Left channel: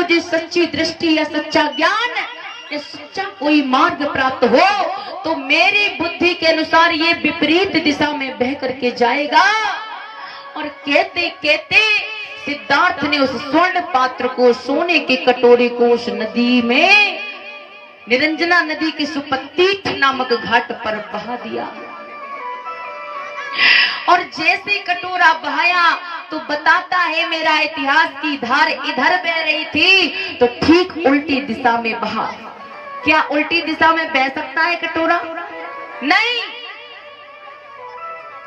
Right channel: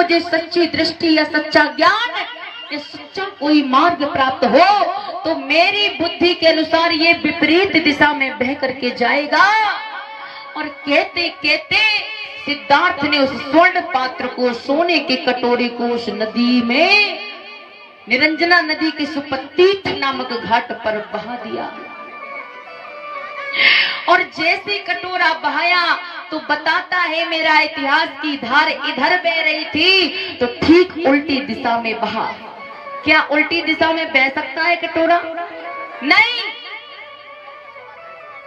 मुझे सच्ची दृष्टि या सच्चा ज्ञान या सच्चा कोई मार्ग प्राप्त हो तो मेरी बुद्धि के अनुसार ये विपरीत दिशा में बह करके जाएगा। और कहते कहते सिद्धार्थ ने उस स्वर्ण पात्र को, सोने के कटोरे को उस नदी में, निरंजना नदी के सुपतीत नामक घाट पर बहा दिया। और जैसे कटोरा बहाया तो बताता है मेरा इतिहास की धार इधर बह रही थी तो ठीक उल्टी दिशा में बहा। क्या उल्टी दिशा में बह सकता है कटोरा? नहीं।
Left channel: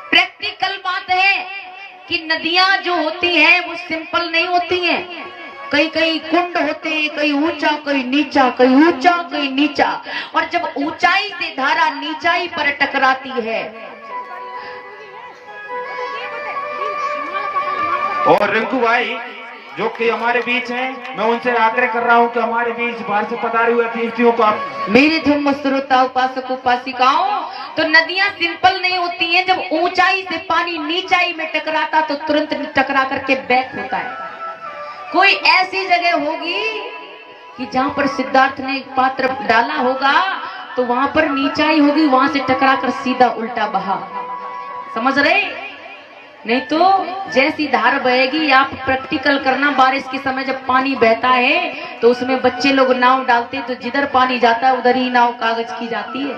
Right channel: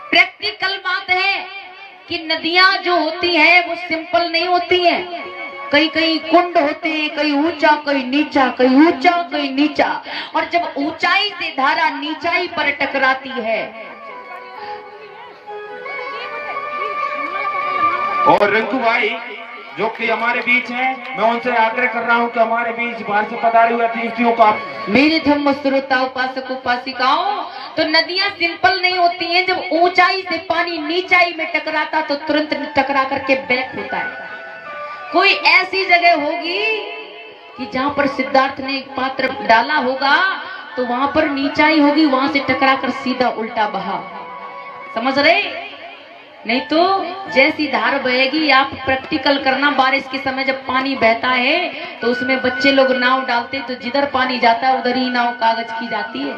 प्रैक्टिकल बात है कि नदियां जो होती हैं वो सिंपल नहीं होती हैं। कई कई कुंड होते हैं, कई ऊंचा कई नीचा, कई ऊंचा कई नीचा। और जब ऊंचाई से धारा नीचाई पर टकराती है। और रिंकू भाई जो कि हमारे बीच हैं, मैं उनसे आग्रह कर रहा हूं कि हमारे बीच बाहर से पधारे हुए अतिथियों का, मेरी धर्म श्रोता उपासक उपासिकाओं, तो नदियां सिंपल नहीं होती हैं। जब ऊंचाई से पानी नीचाई में टकराता तो तुरंत टकरा करके बैक होता है। कोई ऐसी जगह होगी कि जहां पर सिद्धार्थ ने एक पात्र डाला होगा तो वहां पर नीचाई होगी, वहां से टकरा कर सीधा उल्टा बहा। समझ रहे? नहीं तो जैसी धार बहेगी, आप प्रैक्टिकल करना। बारिश के समय जब पानी बहता है तो उसमें बच्चे लोग नाव डालते तो जिधर पानी जाता है उधर ही नाव कागज की जाती है।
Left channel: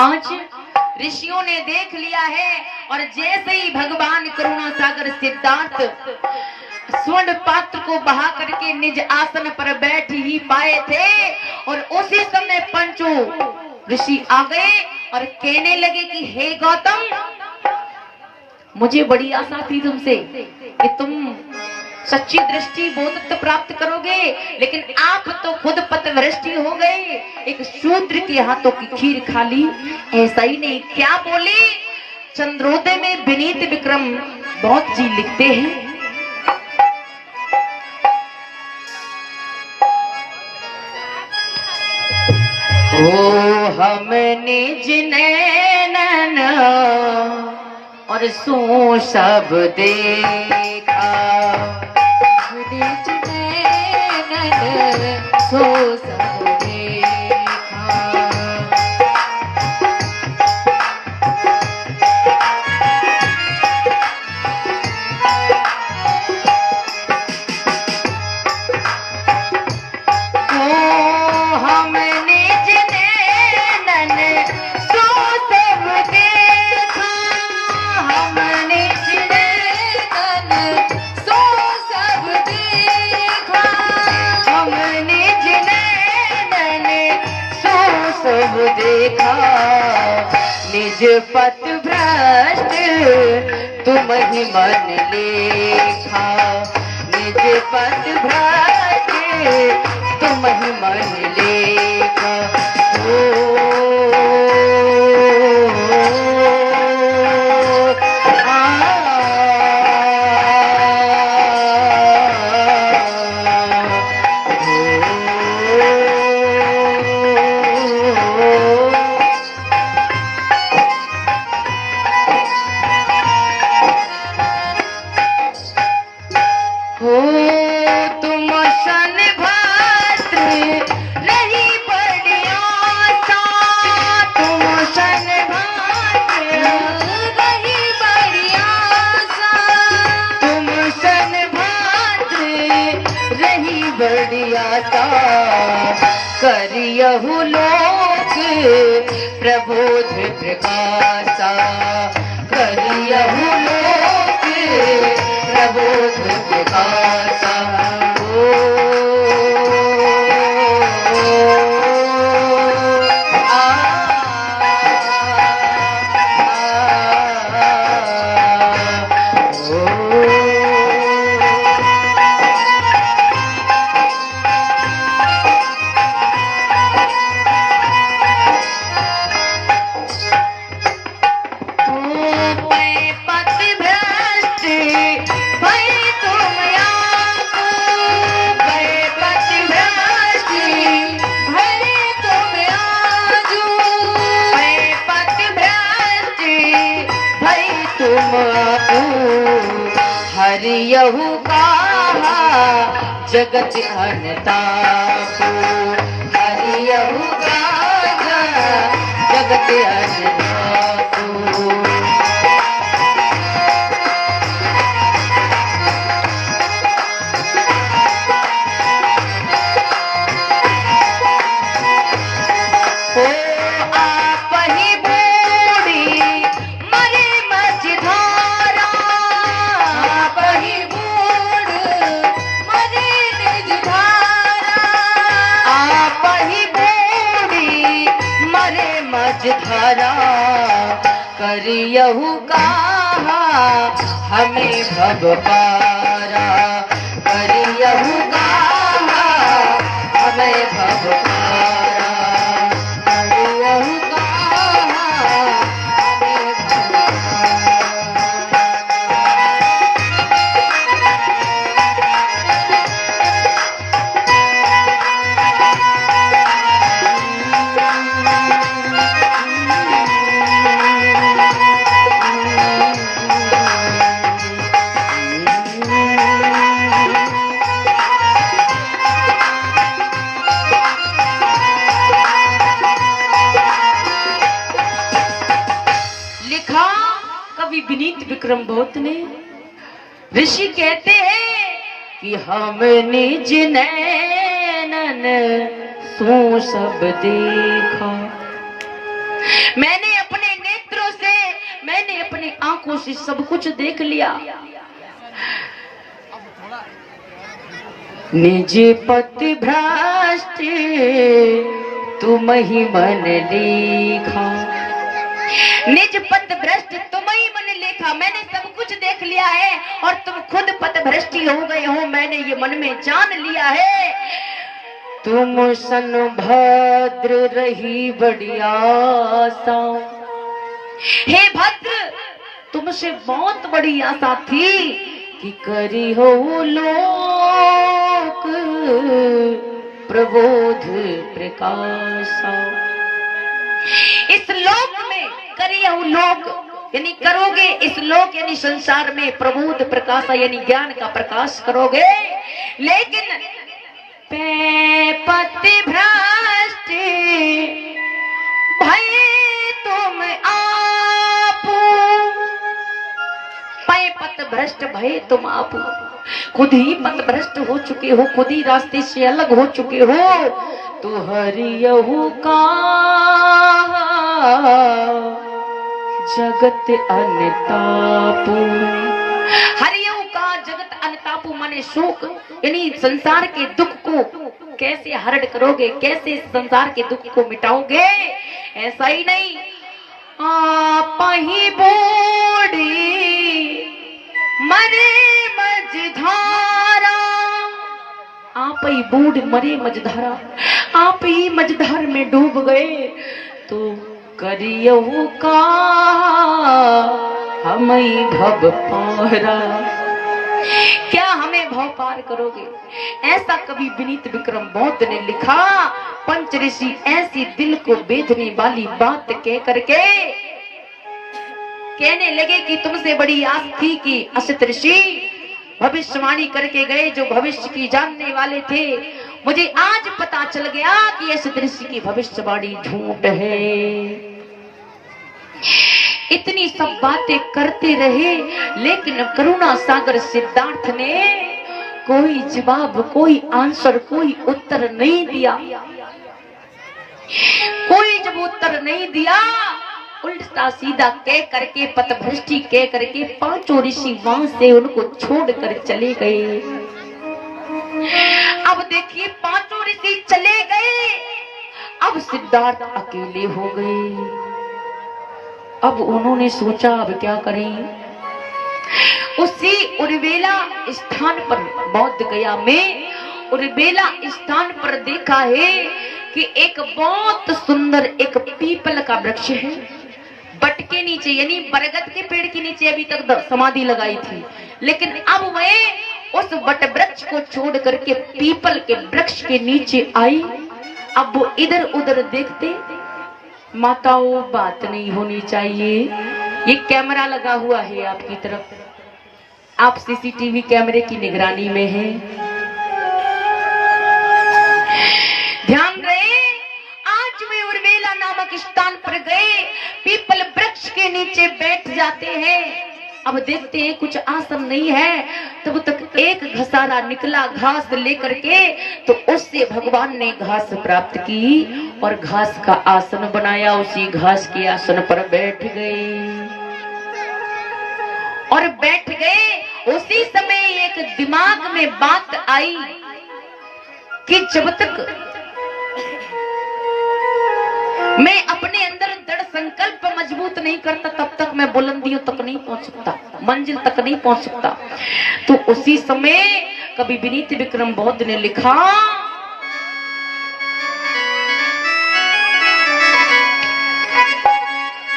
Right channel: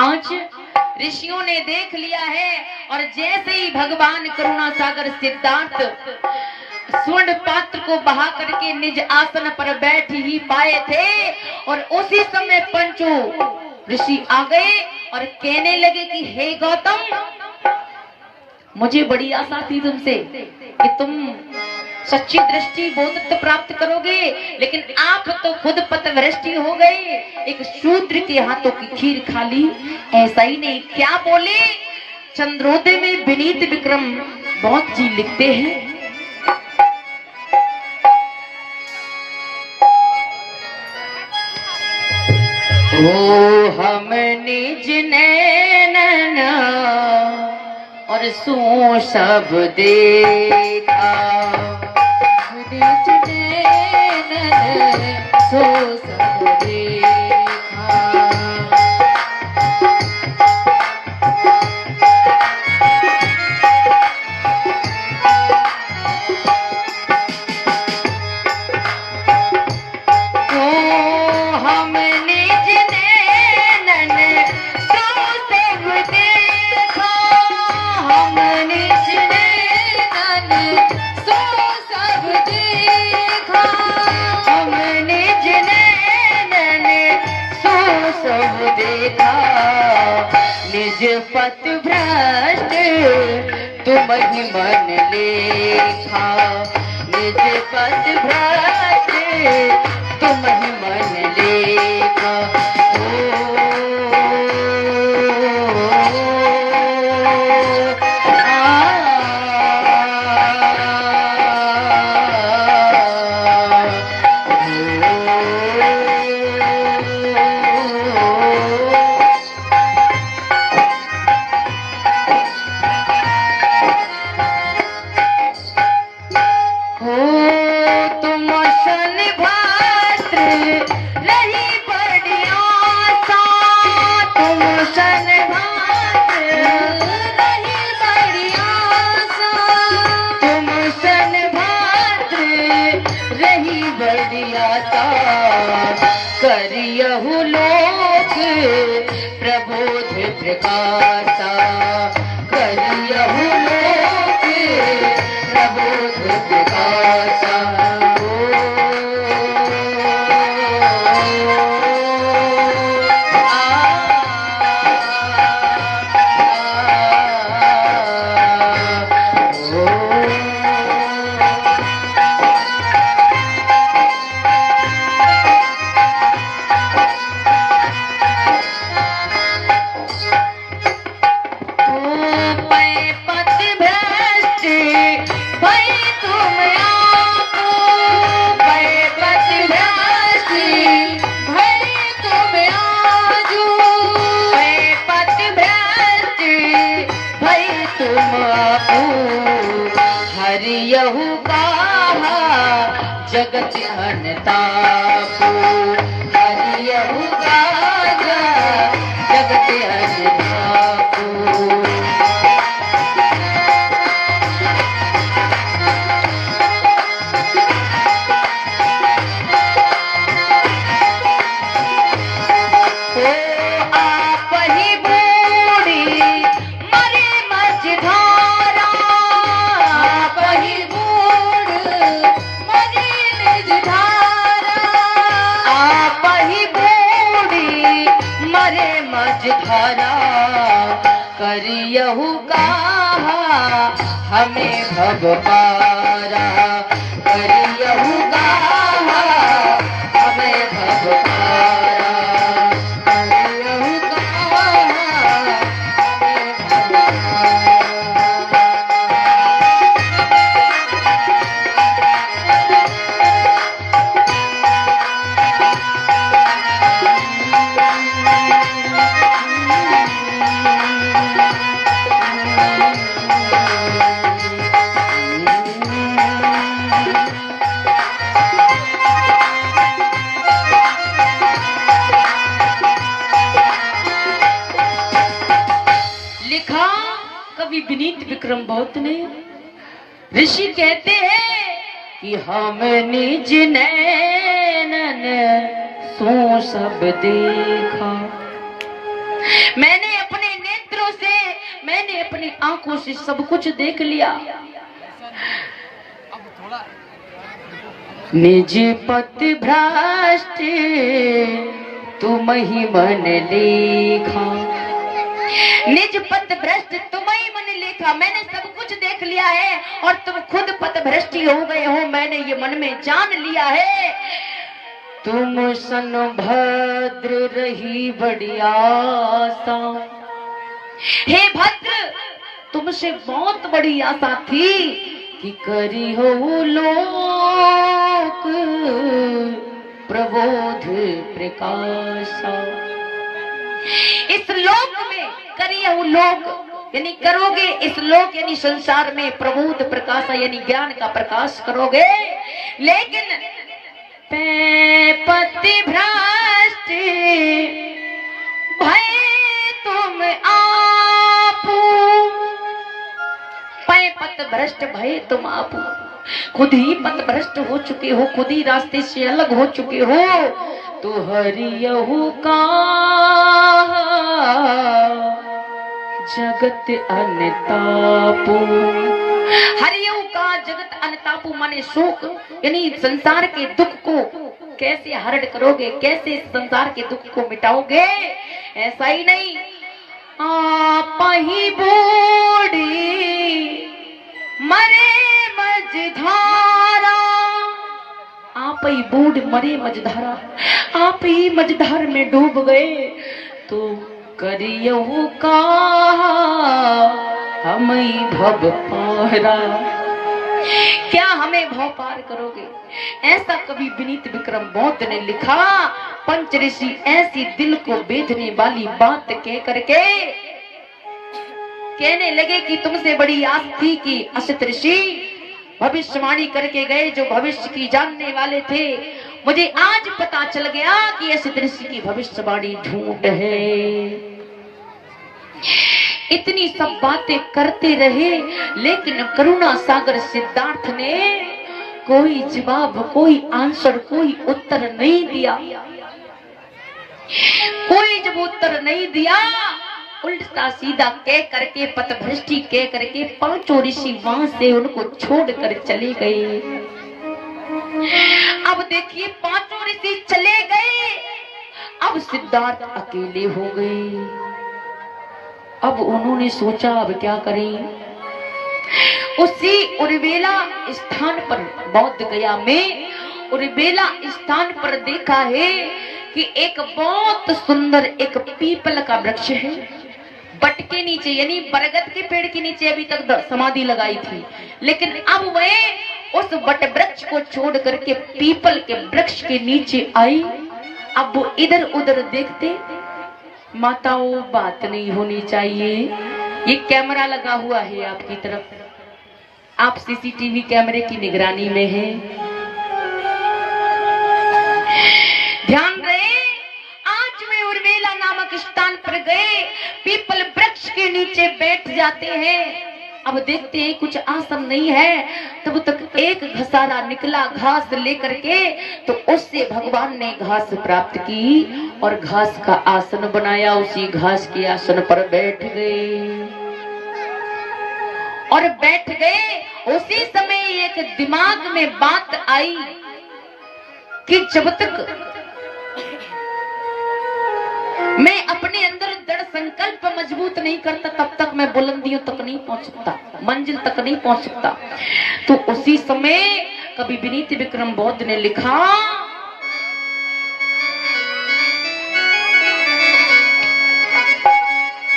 आज ऋषियों ने देख लिया है। और जैसे ही भगवान करुणा सागर सिद्धार्थ स्वर्ण पात्र को बहा करके निज आसन पर बैठ ही पाए थे और उसी समय पंचों ऋषि आ गए और कहने लगे कि हे गौतम, मुझे बड़ी आशा थी तुमसे कि तुम सच्ची दृष्टि बोधत्व प्राप्त करोगे, लेकिन आप तो खुद पथभ्रष्ट हो गए। एक शूद्र के हाथों की खीर खा ली। ऐसा ही नहीं, क्या बोले? चंद्रोदय में विनीत विक्रम बहुत जी लिखते हैं, ओ हमने जिनैन और सो सब देखा, निज नैन सो सब देखा। ओ हमने देखा, निज पथ भ्रष्ट तुम ही मन लेखा, निज पथ भ्रष्ट तुम ही मन लेखा। करियहु लोक प्रबोध प्रकाशा, करियहु लोक प्रबोध प्रकाशा। पति जगत अनतापो हरियहु गाजा जगत अनतापो। करियहु कहा हमें भव पारा, करियहु कहा हमें भव पारा, करियहु कहा हमें भव कवि विनीत विक्रम बहुत ने। ऋषि कहते हैं कि हम निज नैनन सो सब देखा, मैंने अपने नेत्रों से, मैंने अपनी आंखों से सब कुछ देख लिया। निज पथ भ्रष्ट तुम ही मन लेखा, निज पथ भ्रष्ट तुम ही मन लेखा, मैंने सब कुछ देख लिया है और तुम खुद पथ भ्रष्टी हो गए हो, मैंने ये मन में जान लिया है। तुम सन भद्र रही बड़ी आशा, हे भद्र तुमसे बहुत बड़ी आशा थी कि करी हो लोक प्रबोध प्रकाशा। इस लोक में करिए लोक यानी करोगे, इस लोक यानी संसार में प्रबोध प्रकाश यानी ज्ञान का प्रकाश करोगे। लेकिन पति भ्रष्ट भय तुम आपू, पथ भ्रष्ट भय तुम आपू, खुद ही पथ भ्रष्ट हो चुके हो, खुद ही रास्ते से अलग हो चुके हो। तो हरियहु का जगत अनतापू, हरियहु का जगत अनतापू माने शोक यानी संसार के दुख को कैसे हरण करोगे, कैसे संसार के दुख को मिटाओगे। ऐसा ही नहीं, आप ही बूढ़ी मरे मझधारा, आप ही बूढ़ मरे मझधारा, आप ही मझधार में डूब गए। तो करियहु का हमें भव पारा, क्या हमें भव पार करोगे। ऐसा कवि विनीत विक्रम बौद्ध ने लिखा। पंच ऋषि ऐसी दिल को बेधने वाली बात कह करके कहने लगे कि तुमसे बड़ी आस थी कि असित ऋषि भविष्यवाणी करके गए, जो भविष्य की जानने वाले थे। मुझे आज पता चल गया कि असित ऋषि की भविष्यवाणी झूठ है। इतनी सब बातें करते रहे, लेकिन करुणा सागर सिद्धार्थ ने कोई जवाब, कोई आंसर, कोई उत्तर नहीं दिया। कोई जब उत्तर नहीं दिया, उल्टा सीधा कह करके, पथभ्रष्टि कह करके पांचों ऋषि वहां से उनको छोड़कर चले गए। अब देखिए पांचों ऋषि चले गए, अब सिद्धार्थ अकेले हो गए। अब उन्होंने सोचा अब क्या करें। उसी उर्वेला स्थान पर, बौद्ध गया में उर्वेला स्थान पर देखा है कि एक बहुत सुंदर एक पीपल का वृक्ष है। बट के नीचे यानी बरगद के पेड़ के नीचे अभी तक समाधि लगाई थी, लेकिन अब वह उस बट वृक्ष को छोड़ करके पीपल के वृक्ष के नीचे आई। अब वो इधर उधर देखते, माताओं बात नहीं होनी चाहिए, ये कैमरा लगा हुआ है आपकी तरफ, आप सीसीटीवी कैमरे की निगरानी में हैं। ध्यान रहे, आज वे उर्वेला नामक स्थान पर गए, पीपल वृक्ष के नीचे बैठ जाते हैं। अब देखते हैं कुछ आसन नहीं है, तब तक एक घसारा निकला घास लेकर के, तो उससे भगवान ने घास प्राप्त की और घास का आसन बनाया। उसी घास के आसन पर बैठ गए और बैठ गए। उसी समय एक दिमाग में बात आई कि जब तक मैं अपने अंदर दृढ़ संकल्प मजबूत नहीं करता, तब तक मैं बुलंदियों तक नहीं पहुंच सकता, मंजिल तक नहीं पहुंच सकता। तो उसी समय कवि विनीत विक्रम बौद्ध ने लिखा,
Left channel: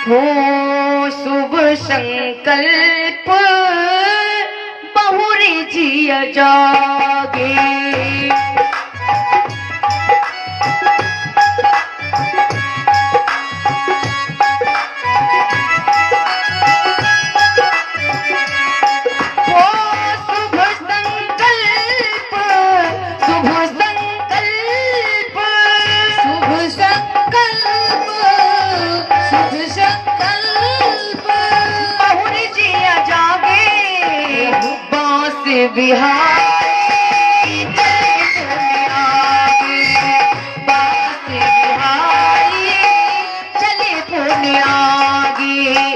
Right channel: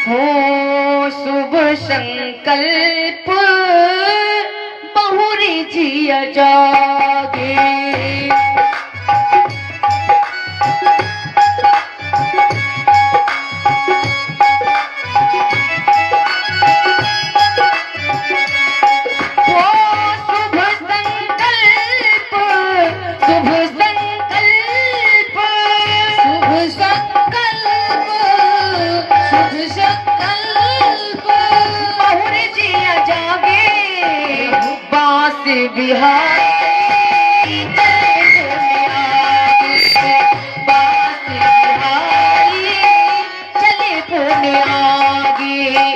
हो शुभ संकल्प बहुरी जिया जागे, बिहारी चले पुण्य आगे।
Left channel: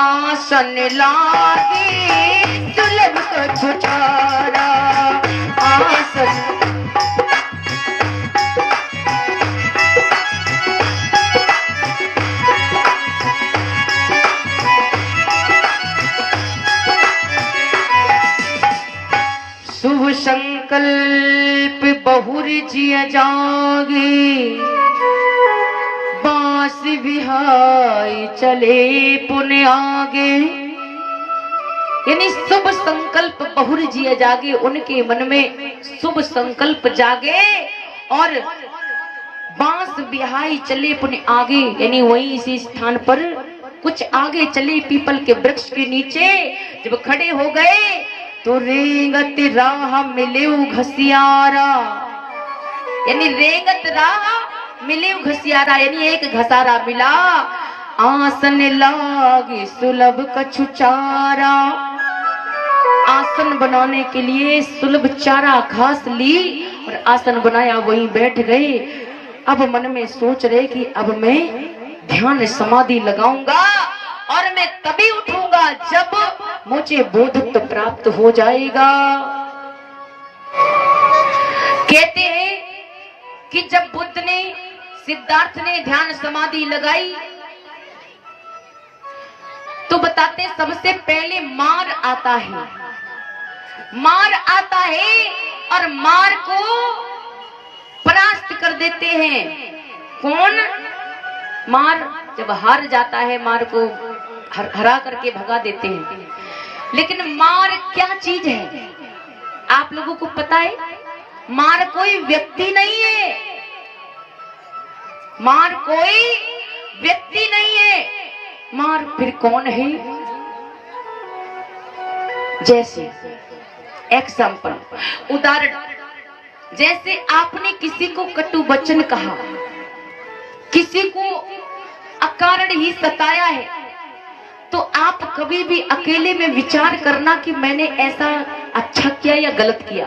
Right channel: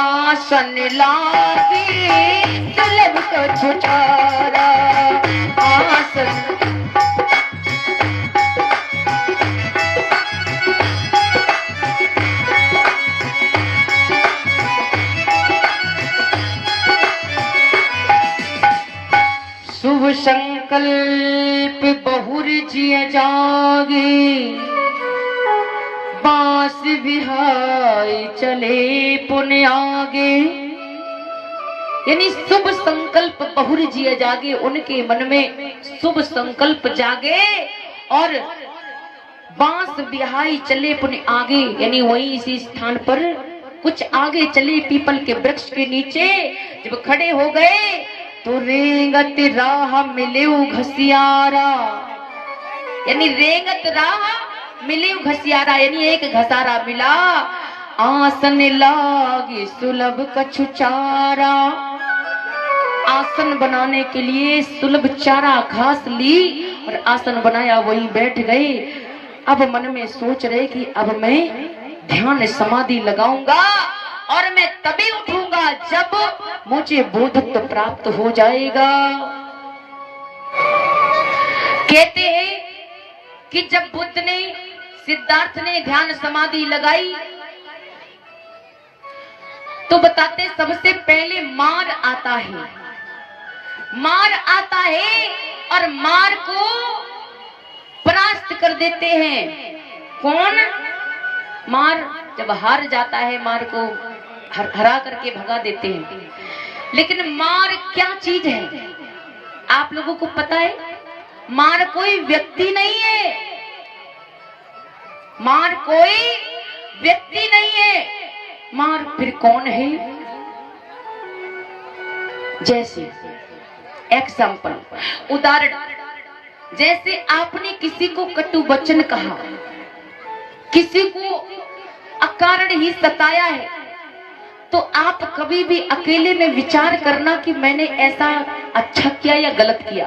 आसन लागे सुलभ कछु चारा, आसन शुभ संकल्प बहुरी जिया जागे, बांस बिहाई चले पुण्य आगे। यानी शुभ संकल्प बहुरी जिया जागे, उनके मन में शुभ संकल्प जागे और बांस बिहाई चले पुण्य आगे। यानी वही इसी स्थान पर कुछ आगे चले पीपल के वृक्ष के नीचे जब खड़े हो गए तो रेंगत राह मिले घसियारा, यानी रेंगत राह मिले घसियारा, यानी एक घसारा मिला, आसन लागी सुलभ कछु चारा। आसन बनाने के लिए सुलभ चारा घास ली और आसन बनाया, वहीं बैठ गए। अब मन में सोच रहे कि अब मैं ध्यान समाधि लगाऊंगा और मैं तभी उठूंगा जब मुझे बोधत्व प्राप्त हो जाएगा। कहते हैं कि जब बुद्ध ने, सिद्धार्थ ने ध्यान समाधि लगाई तो बताते सबसे पहले मार आता है, मार आता है और मार को परास्त कर देते हैं। कौन? मार जब हार जाता है मार को हरा करके भगा देते हैं। लेकिन मार क्या चीज है आप लोगों को पता है? मार कोई व्यक्ति नहीं है, मार कोई व्यक्ति नहीं है। मार फिर कौन है? जैसे एग्जाम्पल, उदाहरण, जैसे आपने किसी को कटु वचन कहा, किसी को अकारण ही सताया है, तो आप कभी भी अकेले में विचार करना कि मैंने ऐसा अच्छा किया या गलत किया,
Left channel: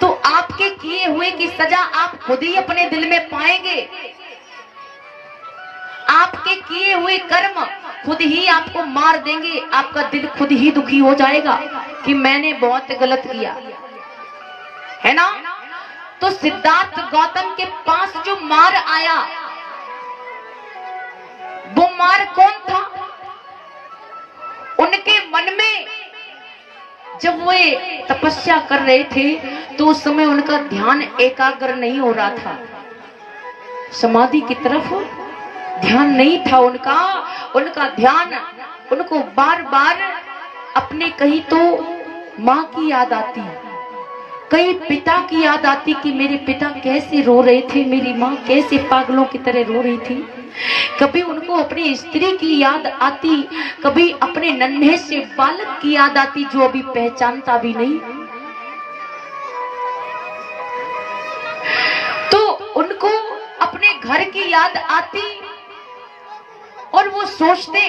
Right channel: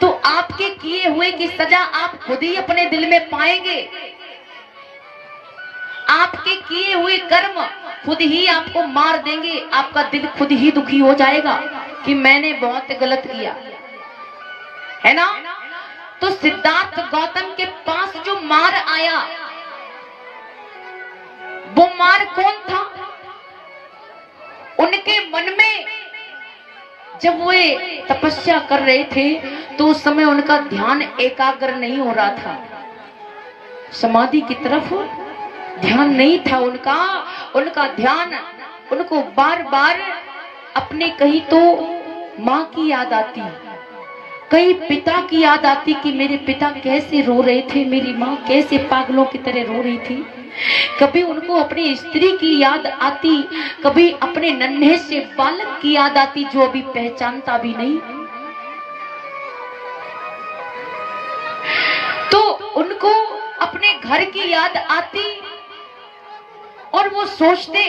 तो आपके किए हुए की सजा आप खुद ही अपने दिल में पाएंगे। आपके किए हुए कर्म खुद ही आपको मार देंगे, आपका दिल खुद ही दुखी हो जाएगा कि मैंने बहुत गलत किया, है ना। तो सिद्धार्थ गौतम के पास जो मार आया, वो मार कौन था? उनके मन में जब वे तपस्या कर रहे थे तो उस समय उनका ध्यान एकाग्र नहीं हो रहा था, समाधि की तरफ ध्यान नहीं था उनका ध्यान, उनको बार बार अपने कहीं तो माँ की याद आती, कहीं पिता की याद आती कि मेरे पिता कैसे रो रहे थे, मेरी माँ कैसे पागलों की तरह रो रही थी। कभी उनको अपनी स्त्री की याद आती, कभी अपने नन्हे से बालक की याद आती जो अभी पहचानता भी नहीं। तो उनको अपने घर की याद आती और वो सोचते,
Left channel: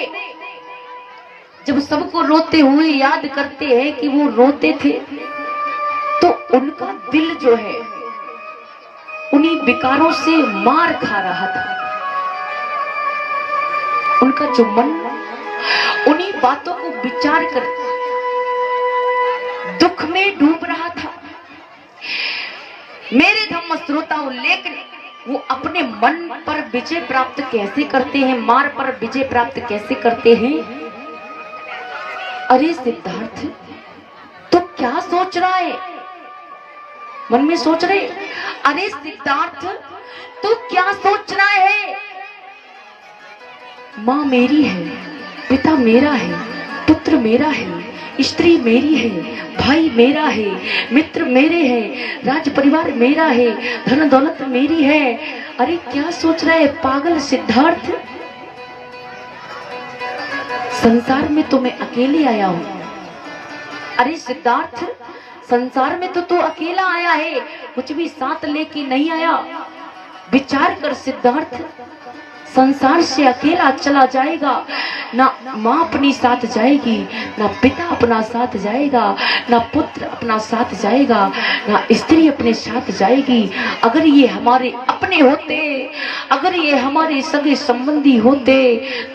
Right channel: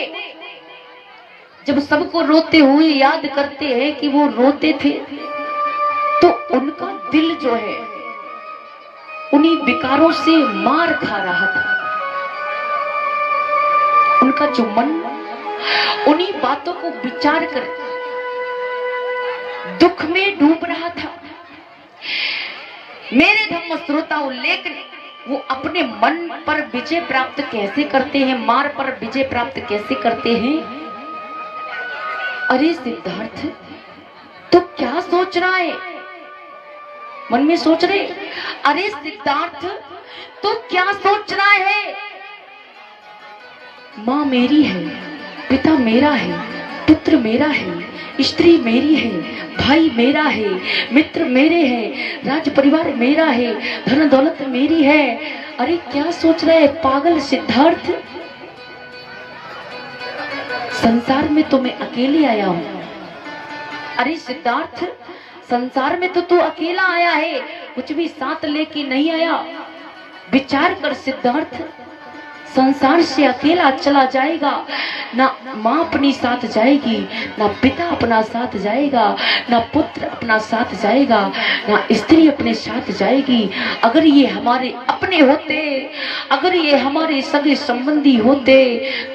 जब सबको रोते हुए याद करते हैं कि वो रोते थे, तो उनका दिल जो है उन्हीं विकारों से मार खा रहा था। उनका जो मन उन्हीं बातों को विचार कर दुख में डूब रहा था। मेरे धम्म श्रोताओं, लेकिन वो अपने मन पर विजय प्राप्त कैसे करते हैं, मार पर विजय प्राप्त कैसे करते हैं? अरे सिद्धार्थ, तो क्या सोच रहा है? मन में सोच रहे, अरे सिद्धार्थ तो क्या सोच रहा है? माँ मेरी है, पिता मेरा है, पुत्र मेरा है, स्त्री मेरी है, भाई मेरा है, मित्र मेरे हैं, राज परिवार मेरा है, धन दौलत मेरी है। अरे क्या सोच रहा है पागल सिद्धार्थ? संसार में तो मैं अकेले आया हूं। अरे सिद्धार्थ, संसार में तो तू अकेला आया है, कुछ भी साथ लेके नहीं आया। विचार कर सिद्धार्थ, संसार से अकेला चला जाएगा, ना माँ अपनी साथ जाएगी, ना पिता अपना साथ जाएगा, ना पुत्र अपना साथ जाएगा, ना स्त्री अपने साथ जाएगी। अगर ये हमारे अपने होते, अगर ये हमारे सगे संबंधी होते,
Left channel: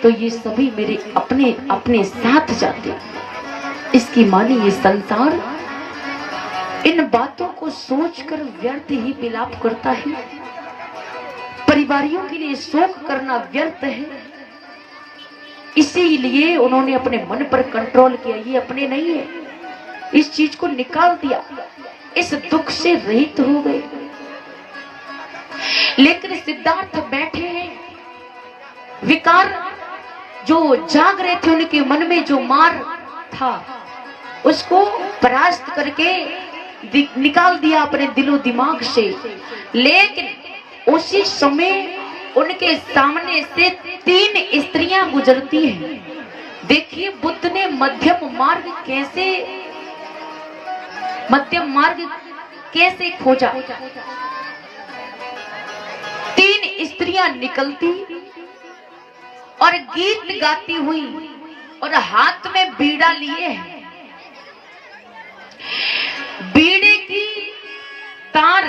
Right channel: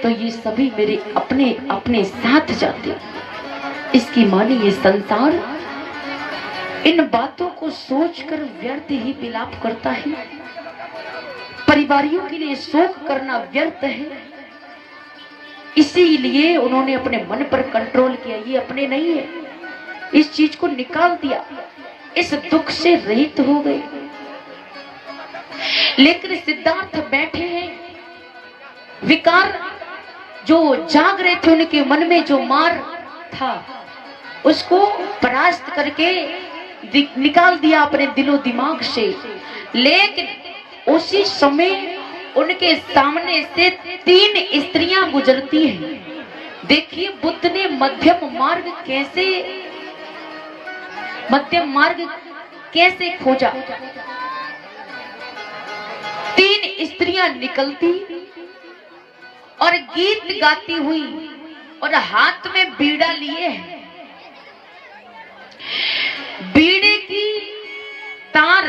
तो ये सभी मेरे अपने अपने साथ जाते। इसकी माने ये संसार इन बातों को सोचकर व्यर्थ ही विलाप करता है। परिवारियों के लिए शोक करना व्यर्थ है। इसीलिए उन्होंने अपने मन पर कंट्रोल किया, ये अपने नहीं है, इस चीज को निकाल दिया, इस दुख से रहित हो गए। लेकिन सिद्धार्थ बैठे हैं, विकार जो जाग रहे थे उनके मन में, जो मार था उसको परास्त करके निकाल दिया अपने दिलो दिमाग से। लेकिन उसी समय उनके सामने से 3 स्त्रियां गुजरती हैं। देखिए बुद्ध ने मध्यम मार्ग कैसे खोजा। 3 स्त्रियां निकलती और गीत गाती हुई और हाथ में बीड़ा लिए हैं। बीड़े की तार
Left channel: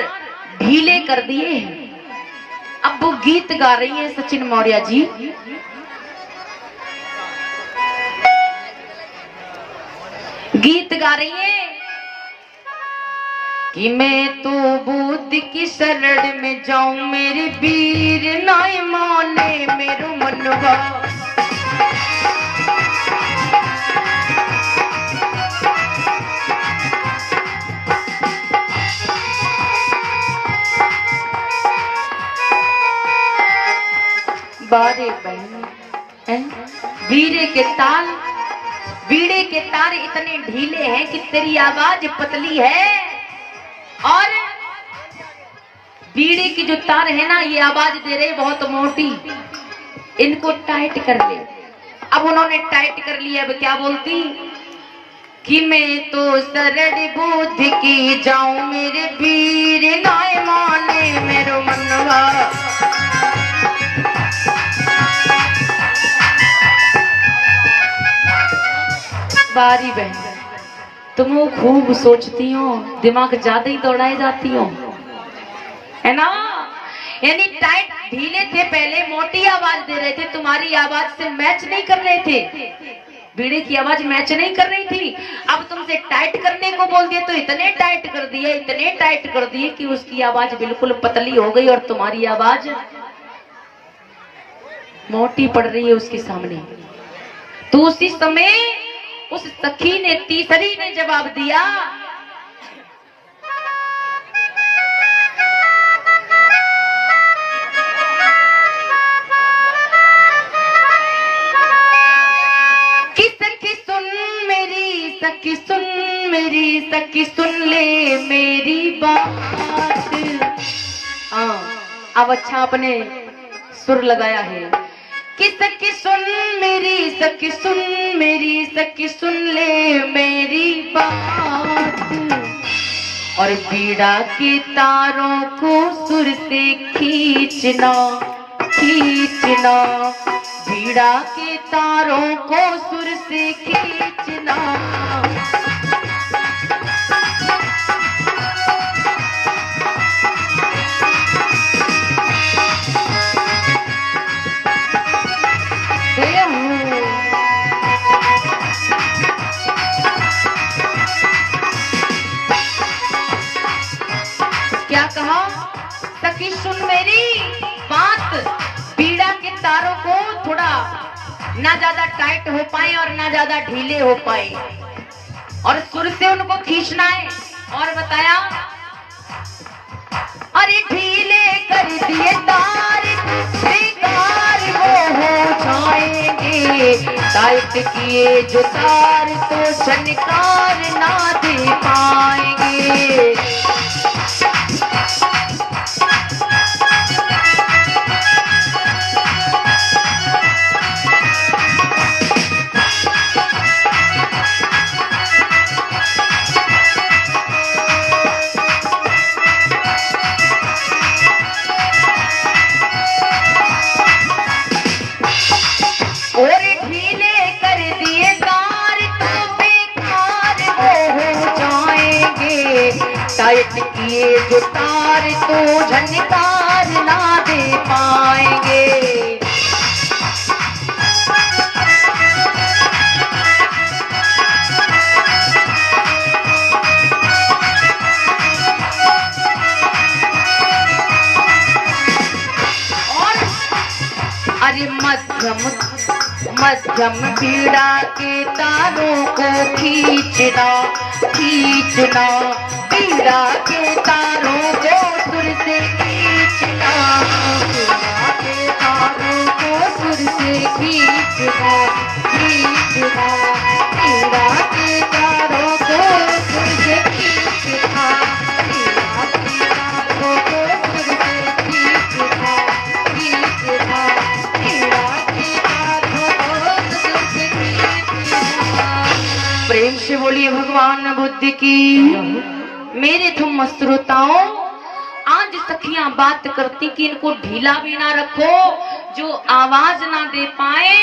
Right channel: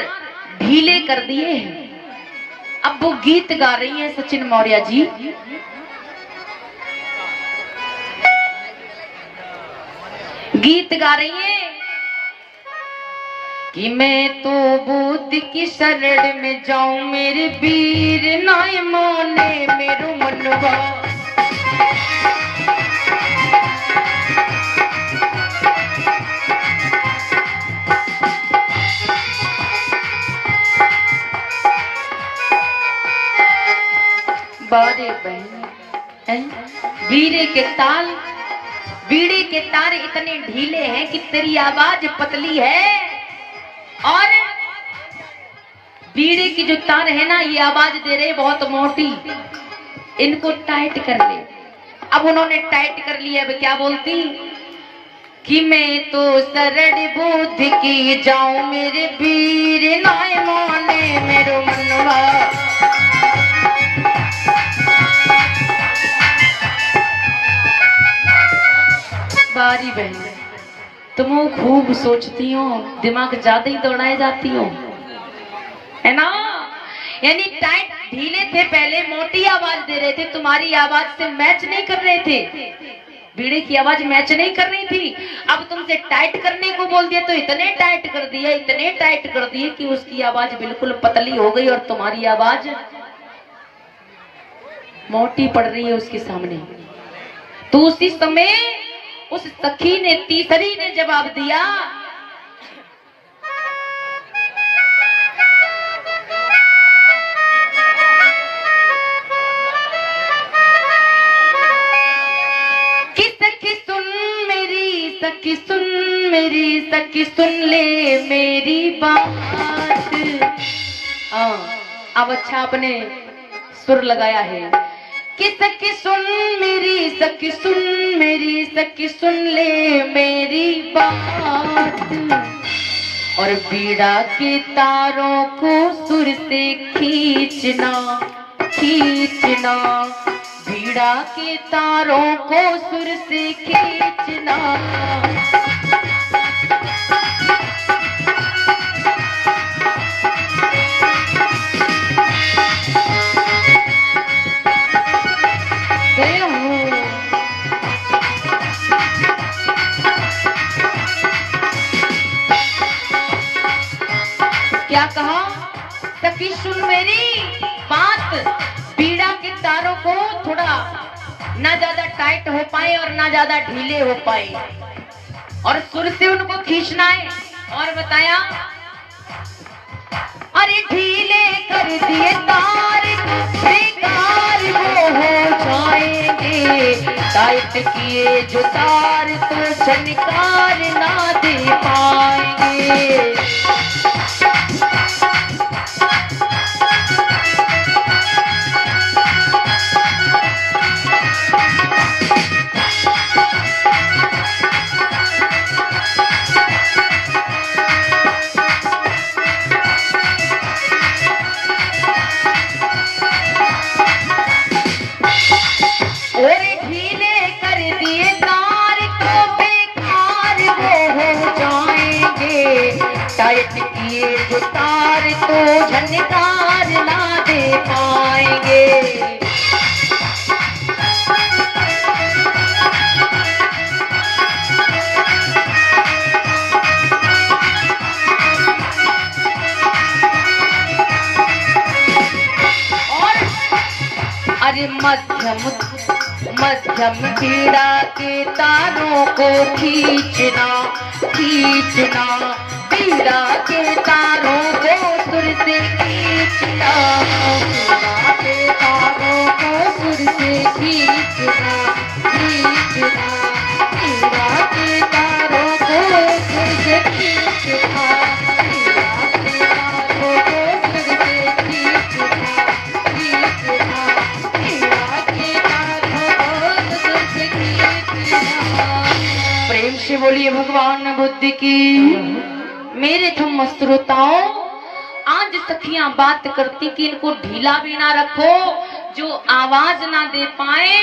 ढीले कर दिए हैं। अब वो गीत गा रही है सचिन मौर्य जी। गीत गा रही है कि मैं तो बुद्ध की शरण में जाऊं, मेरे वीर नाई माने मेरो मनवा। बारे बहन, बीड़े के तार इतने ढीले हैं कि तेरी आवाज पतली है, और बीड़े की जो तार है ना, ये आवाज दे रहे बहुत मोटी, इनको टाइट कर ले। अब उन्होंने टाइट कर लिया। अब क्या बोलती कि मैं तो शरण बुद्ध की जाऊं, मेरे वीर नाय माने मेरो मनवा। बारी बहन, तुम खूब सोचती हो, दिमाग ज्यादा ही दौड़ाए जाती हो, है ना। यानी टाइट ढीले थे पहले, मोटी आवाज दे रहे थे, तुम्हारी आवाज से मैच नहीं कर रहे थे, बीड़े की आवाज मैच नहीं कर रही थी। अब तुमसे टाइट करने को बोल दिए तो इतने टाइट कर दिए, इतने टाइट कर दिए कि उसकी आवाज बिल्कुल पतली हो गई और तुम्हारी आवाज मोटी पड़ रही है उसके सामने। तो उसी समय उस सखी ने, तीसरी ने जवाब दिया, सखी सुन मेरी, सखी सुन ले मेरी बात। अब अच्छा आपने सुर लगाया है कि सखी सुन मेरी, सखी सुन मेरी, सखी सुन ले मेरी बात। और बीड़ा के तारों को सुर से खींचना, खींचना, बीड़ा के तारों को सुर से खींचना। क्या कहा? सखी सुन मेरी बात, बीड़ा के तारों को थोड़ा ना ज्यादा टाइट हो पाए और ना ज्यादा ढीले हो पाए, और सुर से उनको खींचना है। और बताया, अरे ढीले कर दिए तार बेकार वो हो जाएंगे, टाइट किए जो तार तो झनकार ना दे पाएंगे। टाइट किए जो तार तो झनकार ना दे पाएंगे। और अरे मध्यम मध्यम बीड़ा के तारों को खींचना, खींचना, बीड़ा के तारों को सुर से खींचना, बीड़ा के तारों को सुर से खींचना, खींचना, बीड़ा के तारों को सुर से खींचना, बीड़ा के तारों को सुर से खींचना, खींचना, बीड़ा के तारों को सुर से खींचना। प्रेम से बोलिए भगवान बुद्ध की। मेरे तुम श्रोताओं, आज सखियां बात करती कि इनको ढीला भी ना रखो जो आवाज ना दे पाए,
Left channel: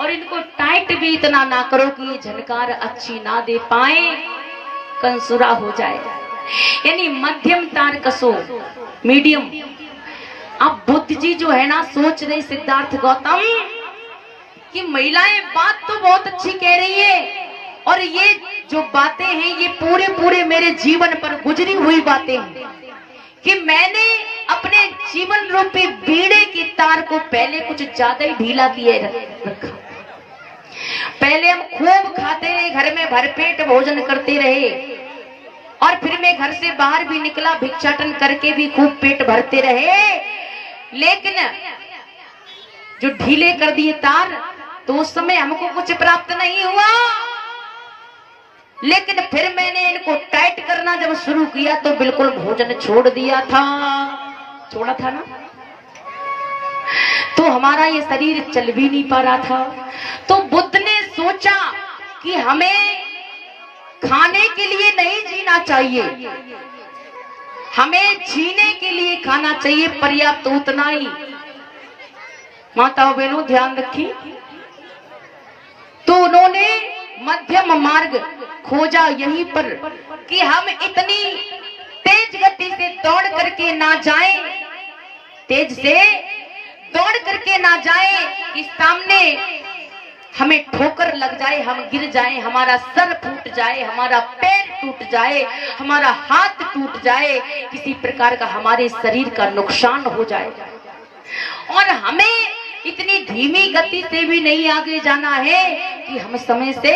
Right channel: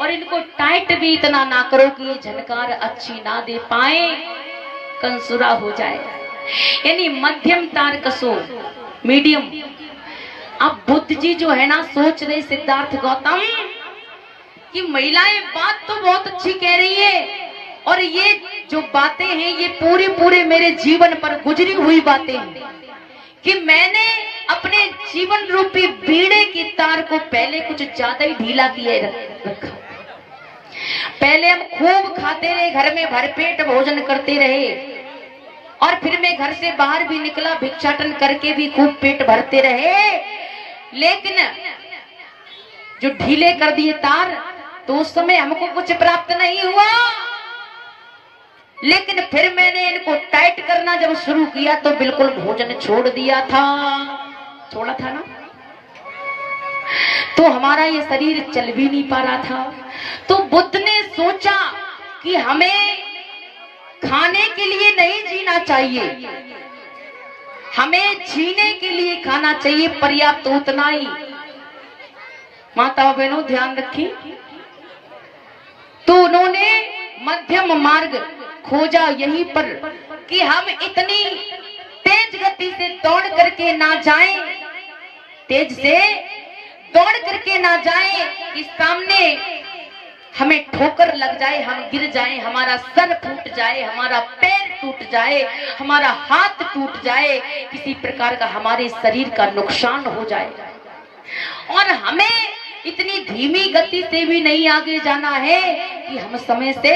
और इनको टाइट भी इतना ना करो कि ये झनकार अच्छी ना दे पाए, कंसुरा हो जाए। यानी मध्यम तार कसो, मीडियम। अब बुद्ध जी जो है ना, सोच रहे सिद्धार्थ गौतम कि महिलाएं बात तो बहुत अच्छी कह रही है, और ये जो बातें हैं ये पूरे पूरे मेरे जीवन पर गुजरी हुई बातें हैं कि मैंने अपने जीवन रूपी बीड़े की तार को पहले कुछ ज्यादा ही ढीला किए रखा। पहले हम खूब खाते रहे, घर में भरपेट भोजन करते रहे, और फिर मैं घर से बाहर भी निकला, भिक्षाटन करके भी खूब पेट भरते रहे, लेकिन जो ढीले कर दिए तार तो उस समय हमको कुछ प्राप्त नहीं हुआ। लेकिन फिर मैंने इनको टाइट करना जब शुरू किया तो बिल्कुल भोजन छोड़ दिया था, छोड़ा था ना, तो हमारा ये शरीर चल भी नहीं पा रहा था। तो बुद्ध ने सोचा कि हमें खाने के लिए नहीं जीना चाहिए, हमें जीने के लिए खाना चाहिए, पर्याप्त उतना ही। माताओं बहनों ध्यान रखी। तो उन्होंने मध्यम मार्ग खोजा यहीं पर कि हम इतनी तेज गति से दौड़ करके ना जाएं, तेज से दौड़ करके ना जाएं कि सामने हमें ठोकर लग जाए, हम गिर जाएं, हमारा सर फूट जाए, हमारा पैर टूट जाए, हमारा हाथ टूट जाए, किसी प्रकार का हमारे शरीर का नुकसान हो जाए। और हमें इतनी धीमी गति से भी नहीं आगे जाना है कि हम समय से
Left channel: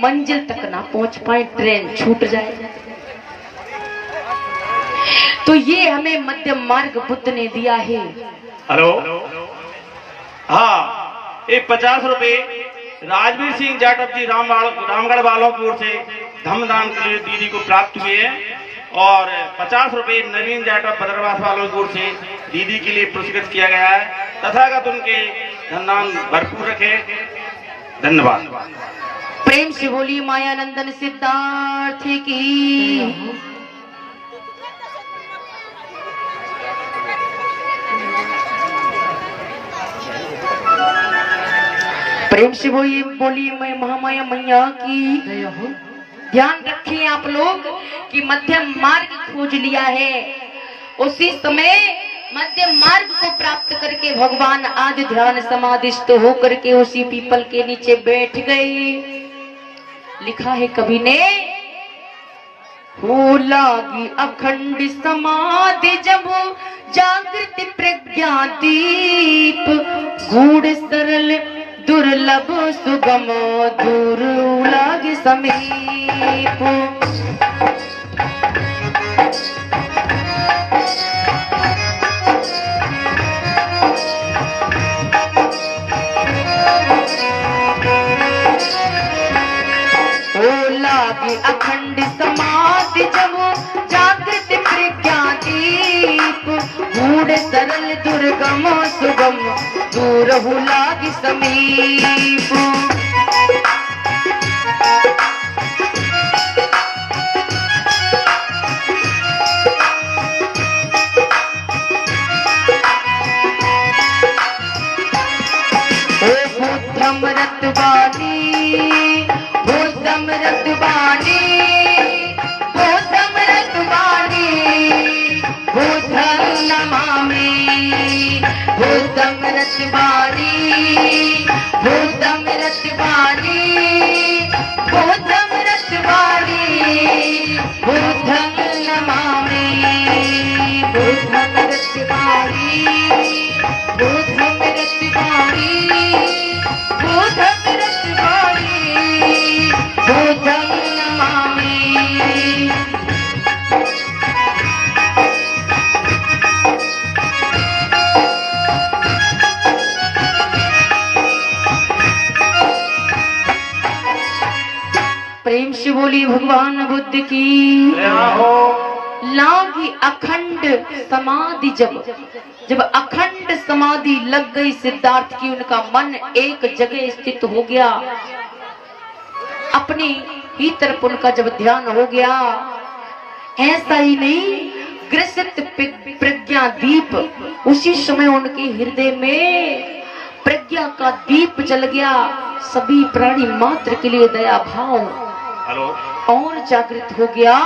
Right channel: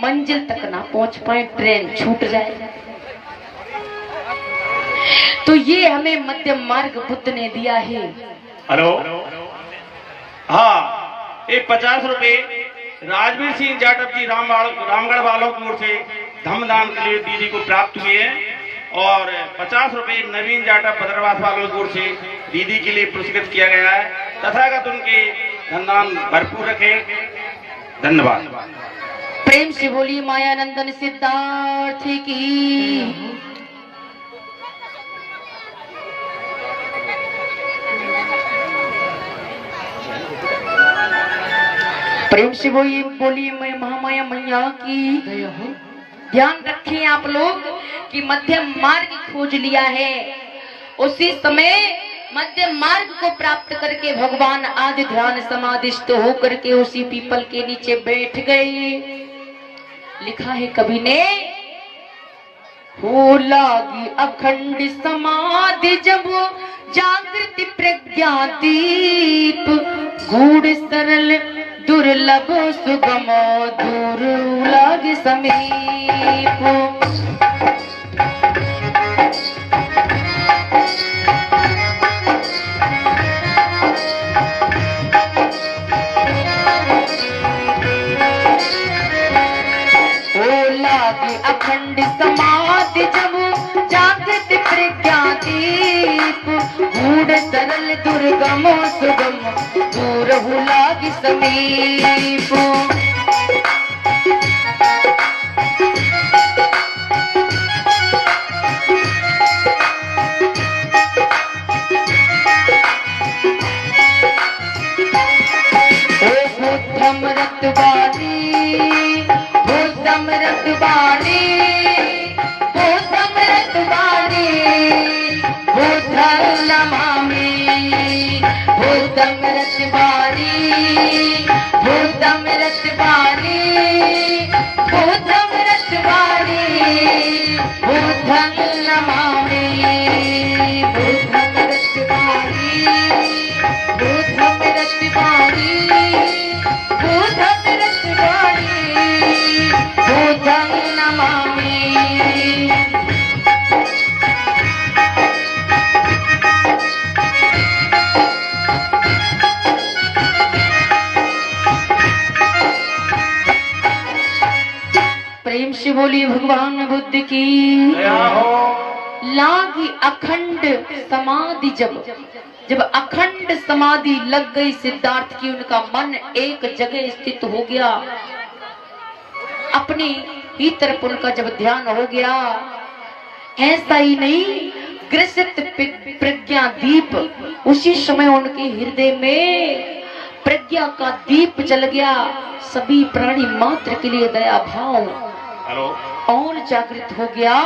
मंजिल तक ना पहुंच पाए, ट्रेन छूट जाए। तो ये हमें मध्यम मार्ग बुद्ध ने दिया है। हेलो, हाँ, एक 50 रुपए राजवीर सिंह जाटव जी रामगढ़ वालों की ओर से धमदान के लिए दीदी को प्राप्त हुए हैं और 50 रुपए नवीन जाटव भद्रवास वालों की ओर से दीदी के लिए पुरस्कृत किया गया है। तथागत उनके धनदान भरपूर रखे। धन्यवाद। प्रेम से बोलिए मायानंदन सिद्धार्थ की। प्रेम से बोलिए मैं महामाया मैया की। ध्यान रखिए आप लोग कि मध्यम मार्ग खोज लिया है, उसी समय मध्यम मार्ग को प्राप्त करके भगवान आज ध्यान समाधिस्थ होकर के उसी पीपल के नीचे बैठ गए। लिखा है कवि ने, हो लागी अखंड समाधि जब जागृति प्रज्ञा दीप, गूढ़ सरल दुर्लभ सुगम दूर लागे समीप। अखंड समाधि जब जागृत प्रज्ञा दीप, गूढ़ सरल दुर्गम सुगम दूर लागी समीप। बुद्धमृत वाणी, बुद्धमृत वाणी, बुद्धमृत वाणी, बुद्धं नमामि। बुद्धमृत वाणी, बुद्धमृत वाणी, बुद्धमृत वाणी, बुद्धं नमामि। बुद्धमृत वाणी, बुद्धमृत वाणी, बुद्धमृत वाणी, बुद्धं नमामि। प्रेम से बोली भगवान बुद्ध की। लागी अखंड समाधि जब अखंड समाधि लग गई सिद्धार्थ की, उनका मन एक जगह स्थित हो गया, अपने ही तरफ उनका जब ध्यान हो गया। ऐसा ही नहीं, ग्रसित प्रज्ञा दीप, उसी समय उनके हृदय में प्रज्ञा का दीप जल गया। सभी प्राणी मात्र के लिए दया भाव और जागृत हो गया।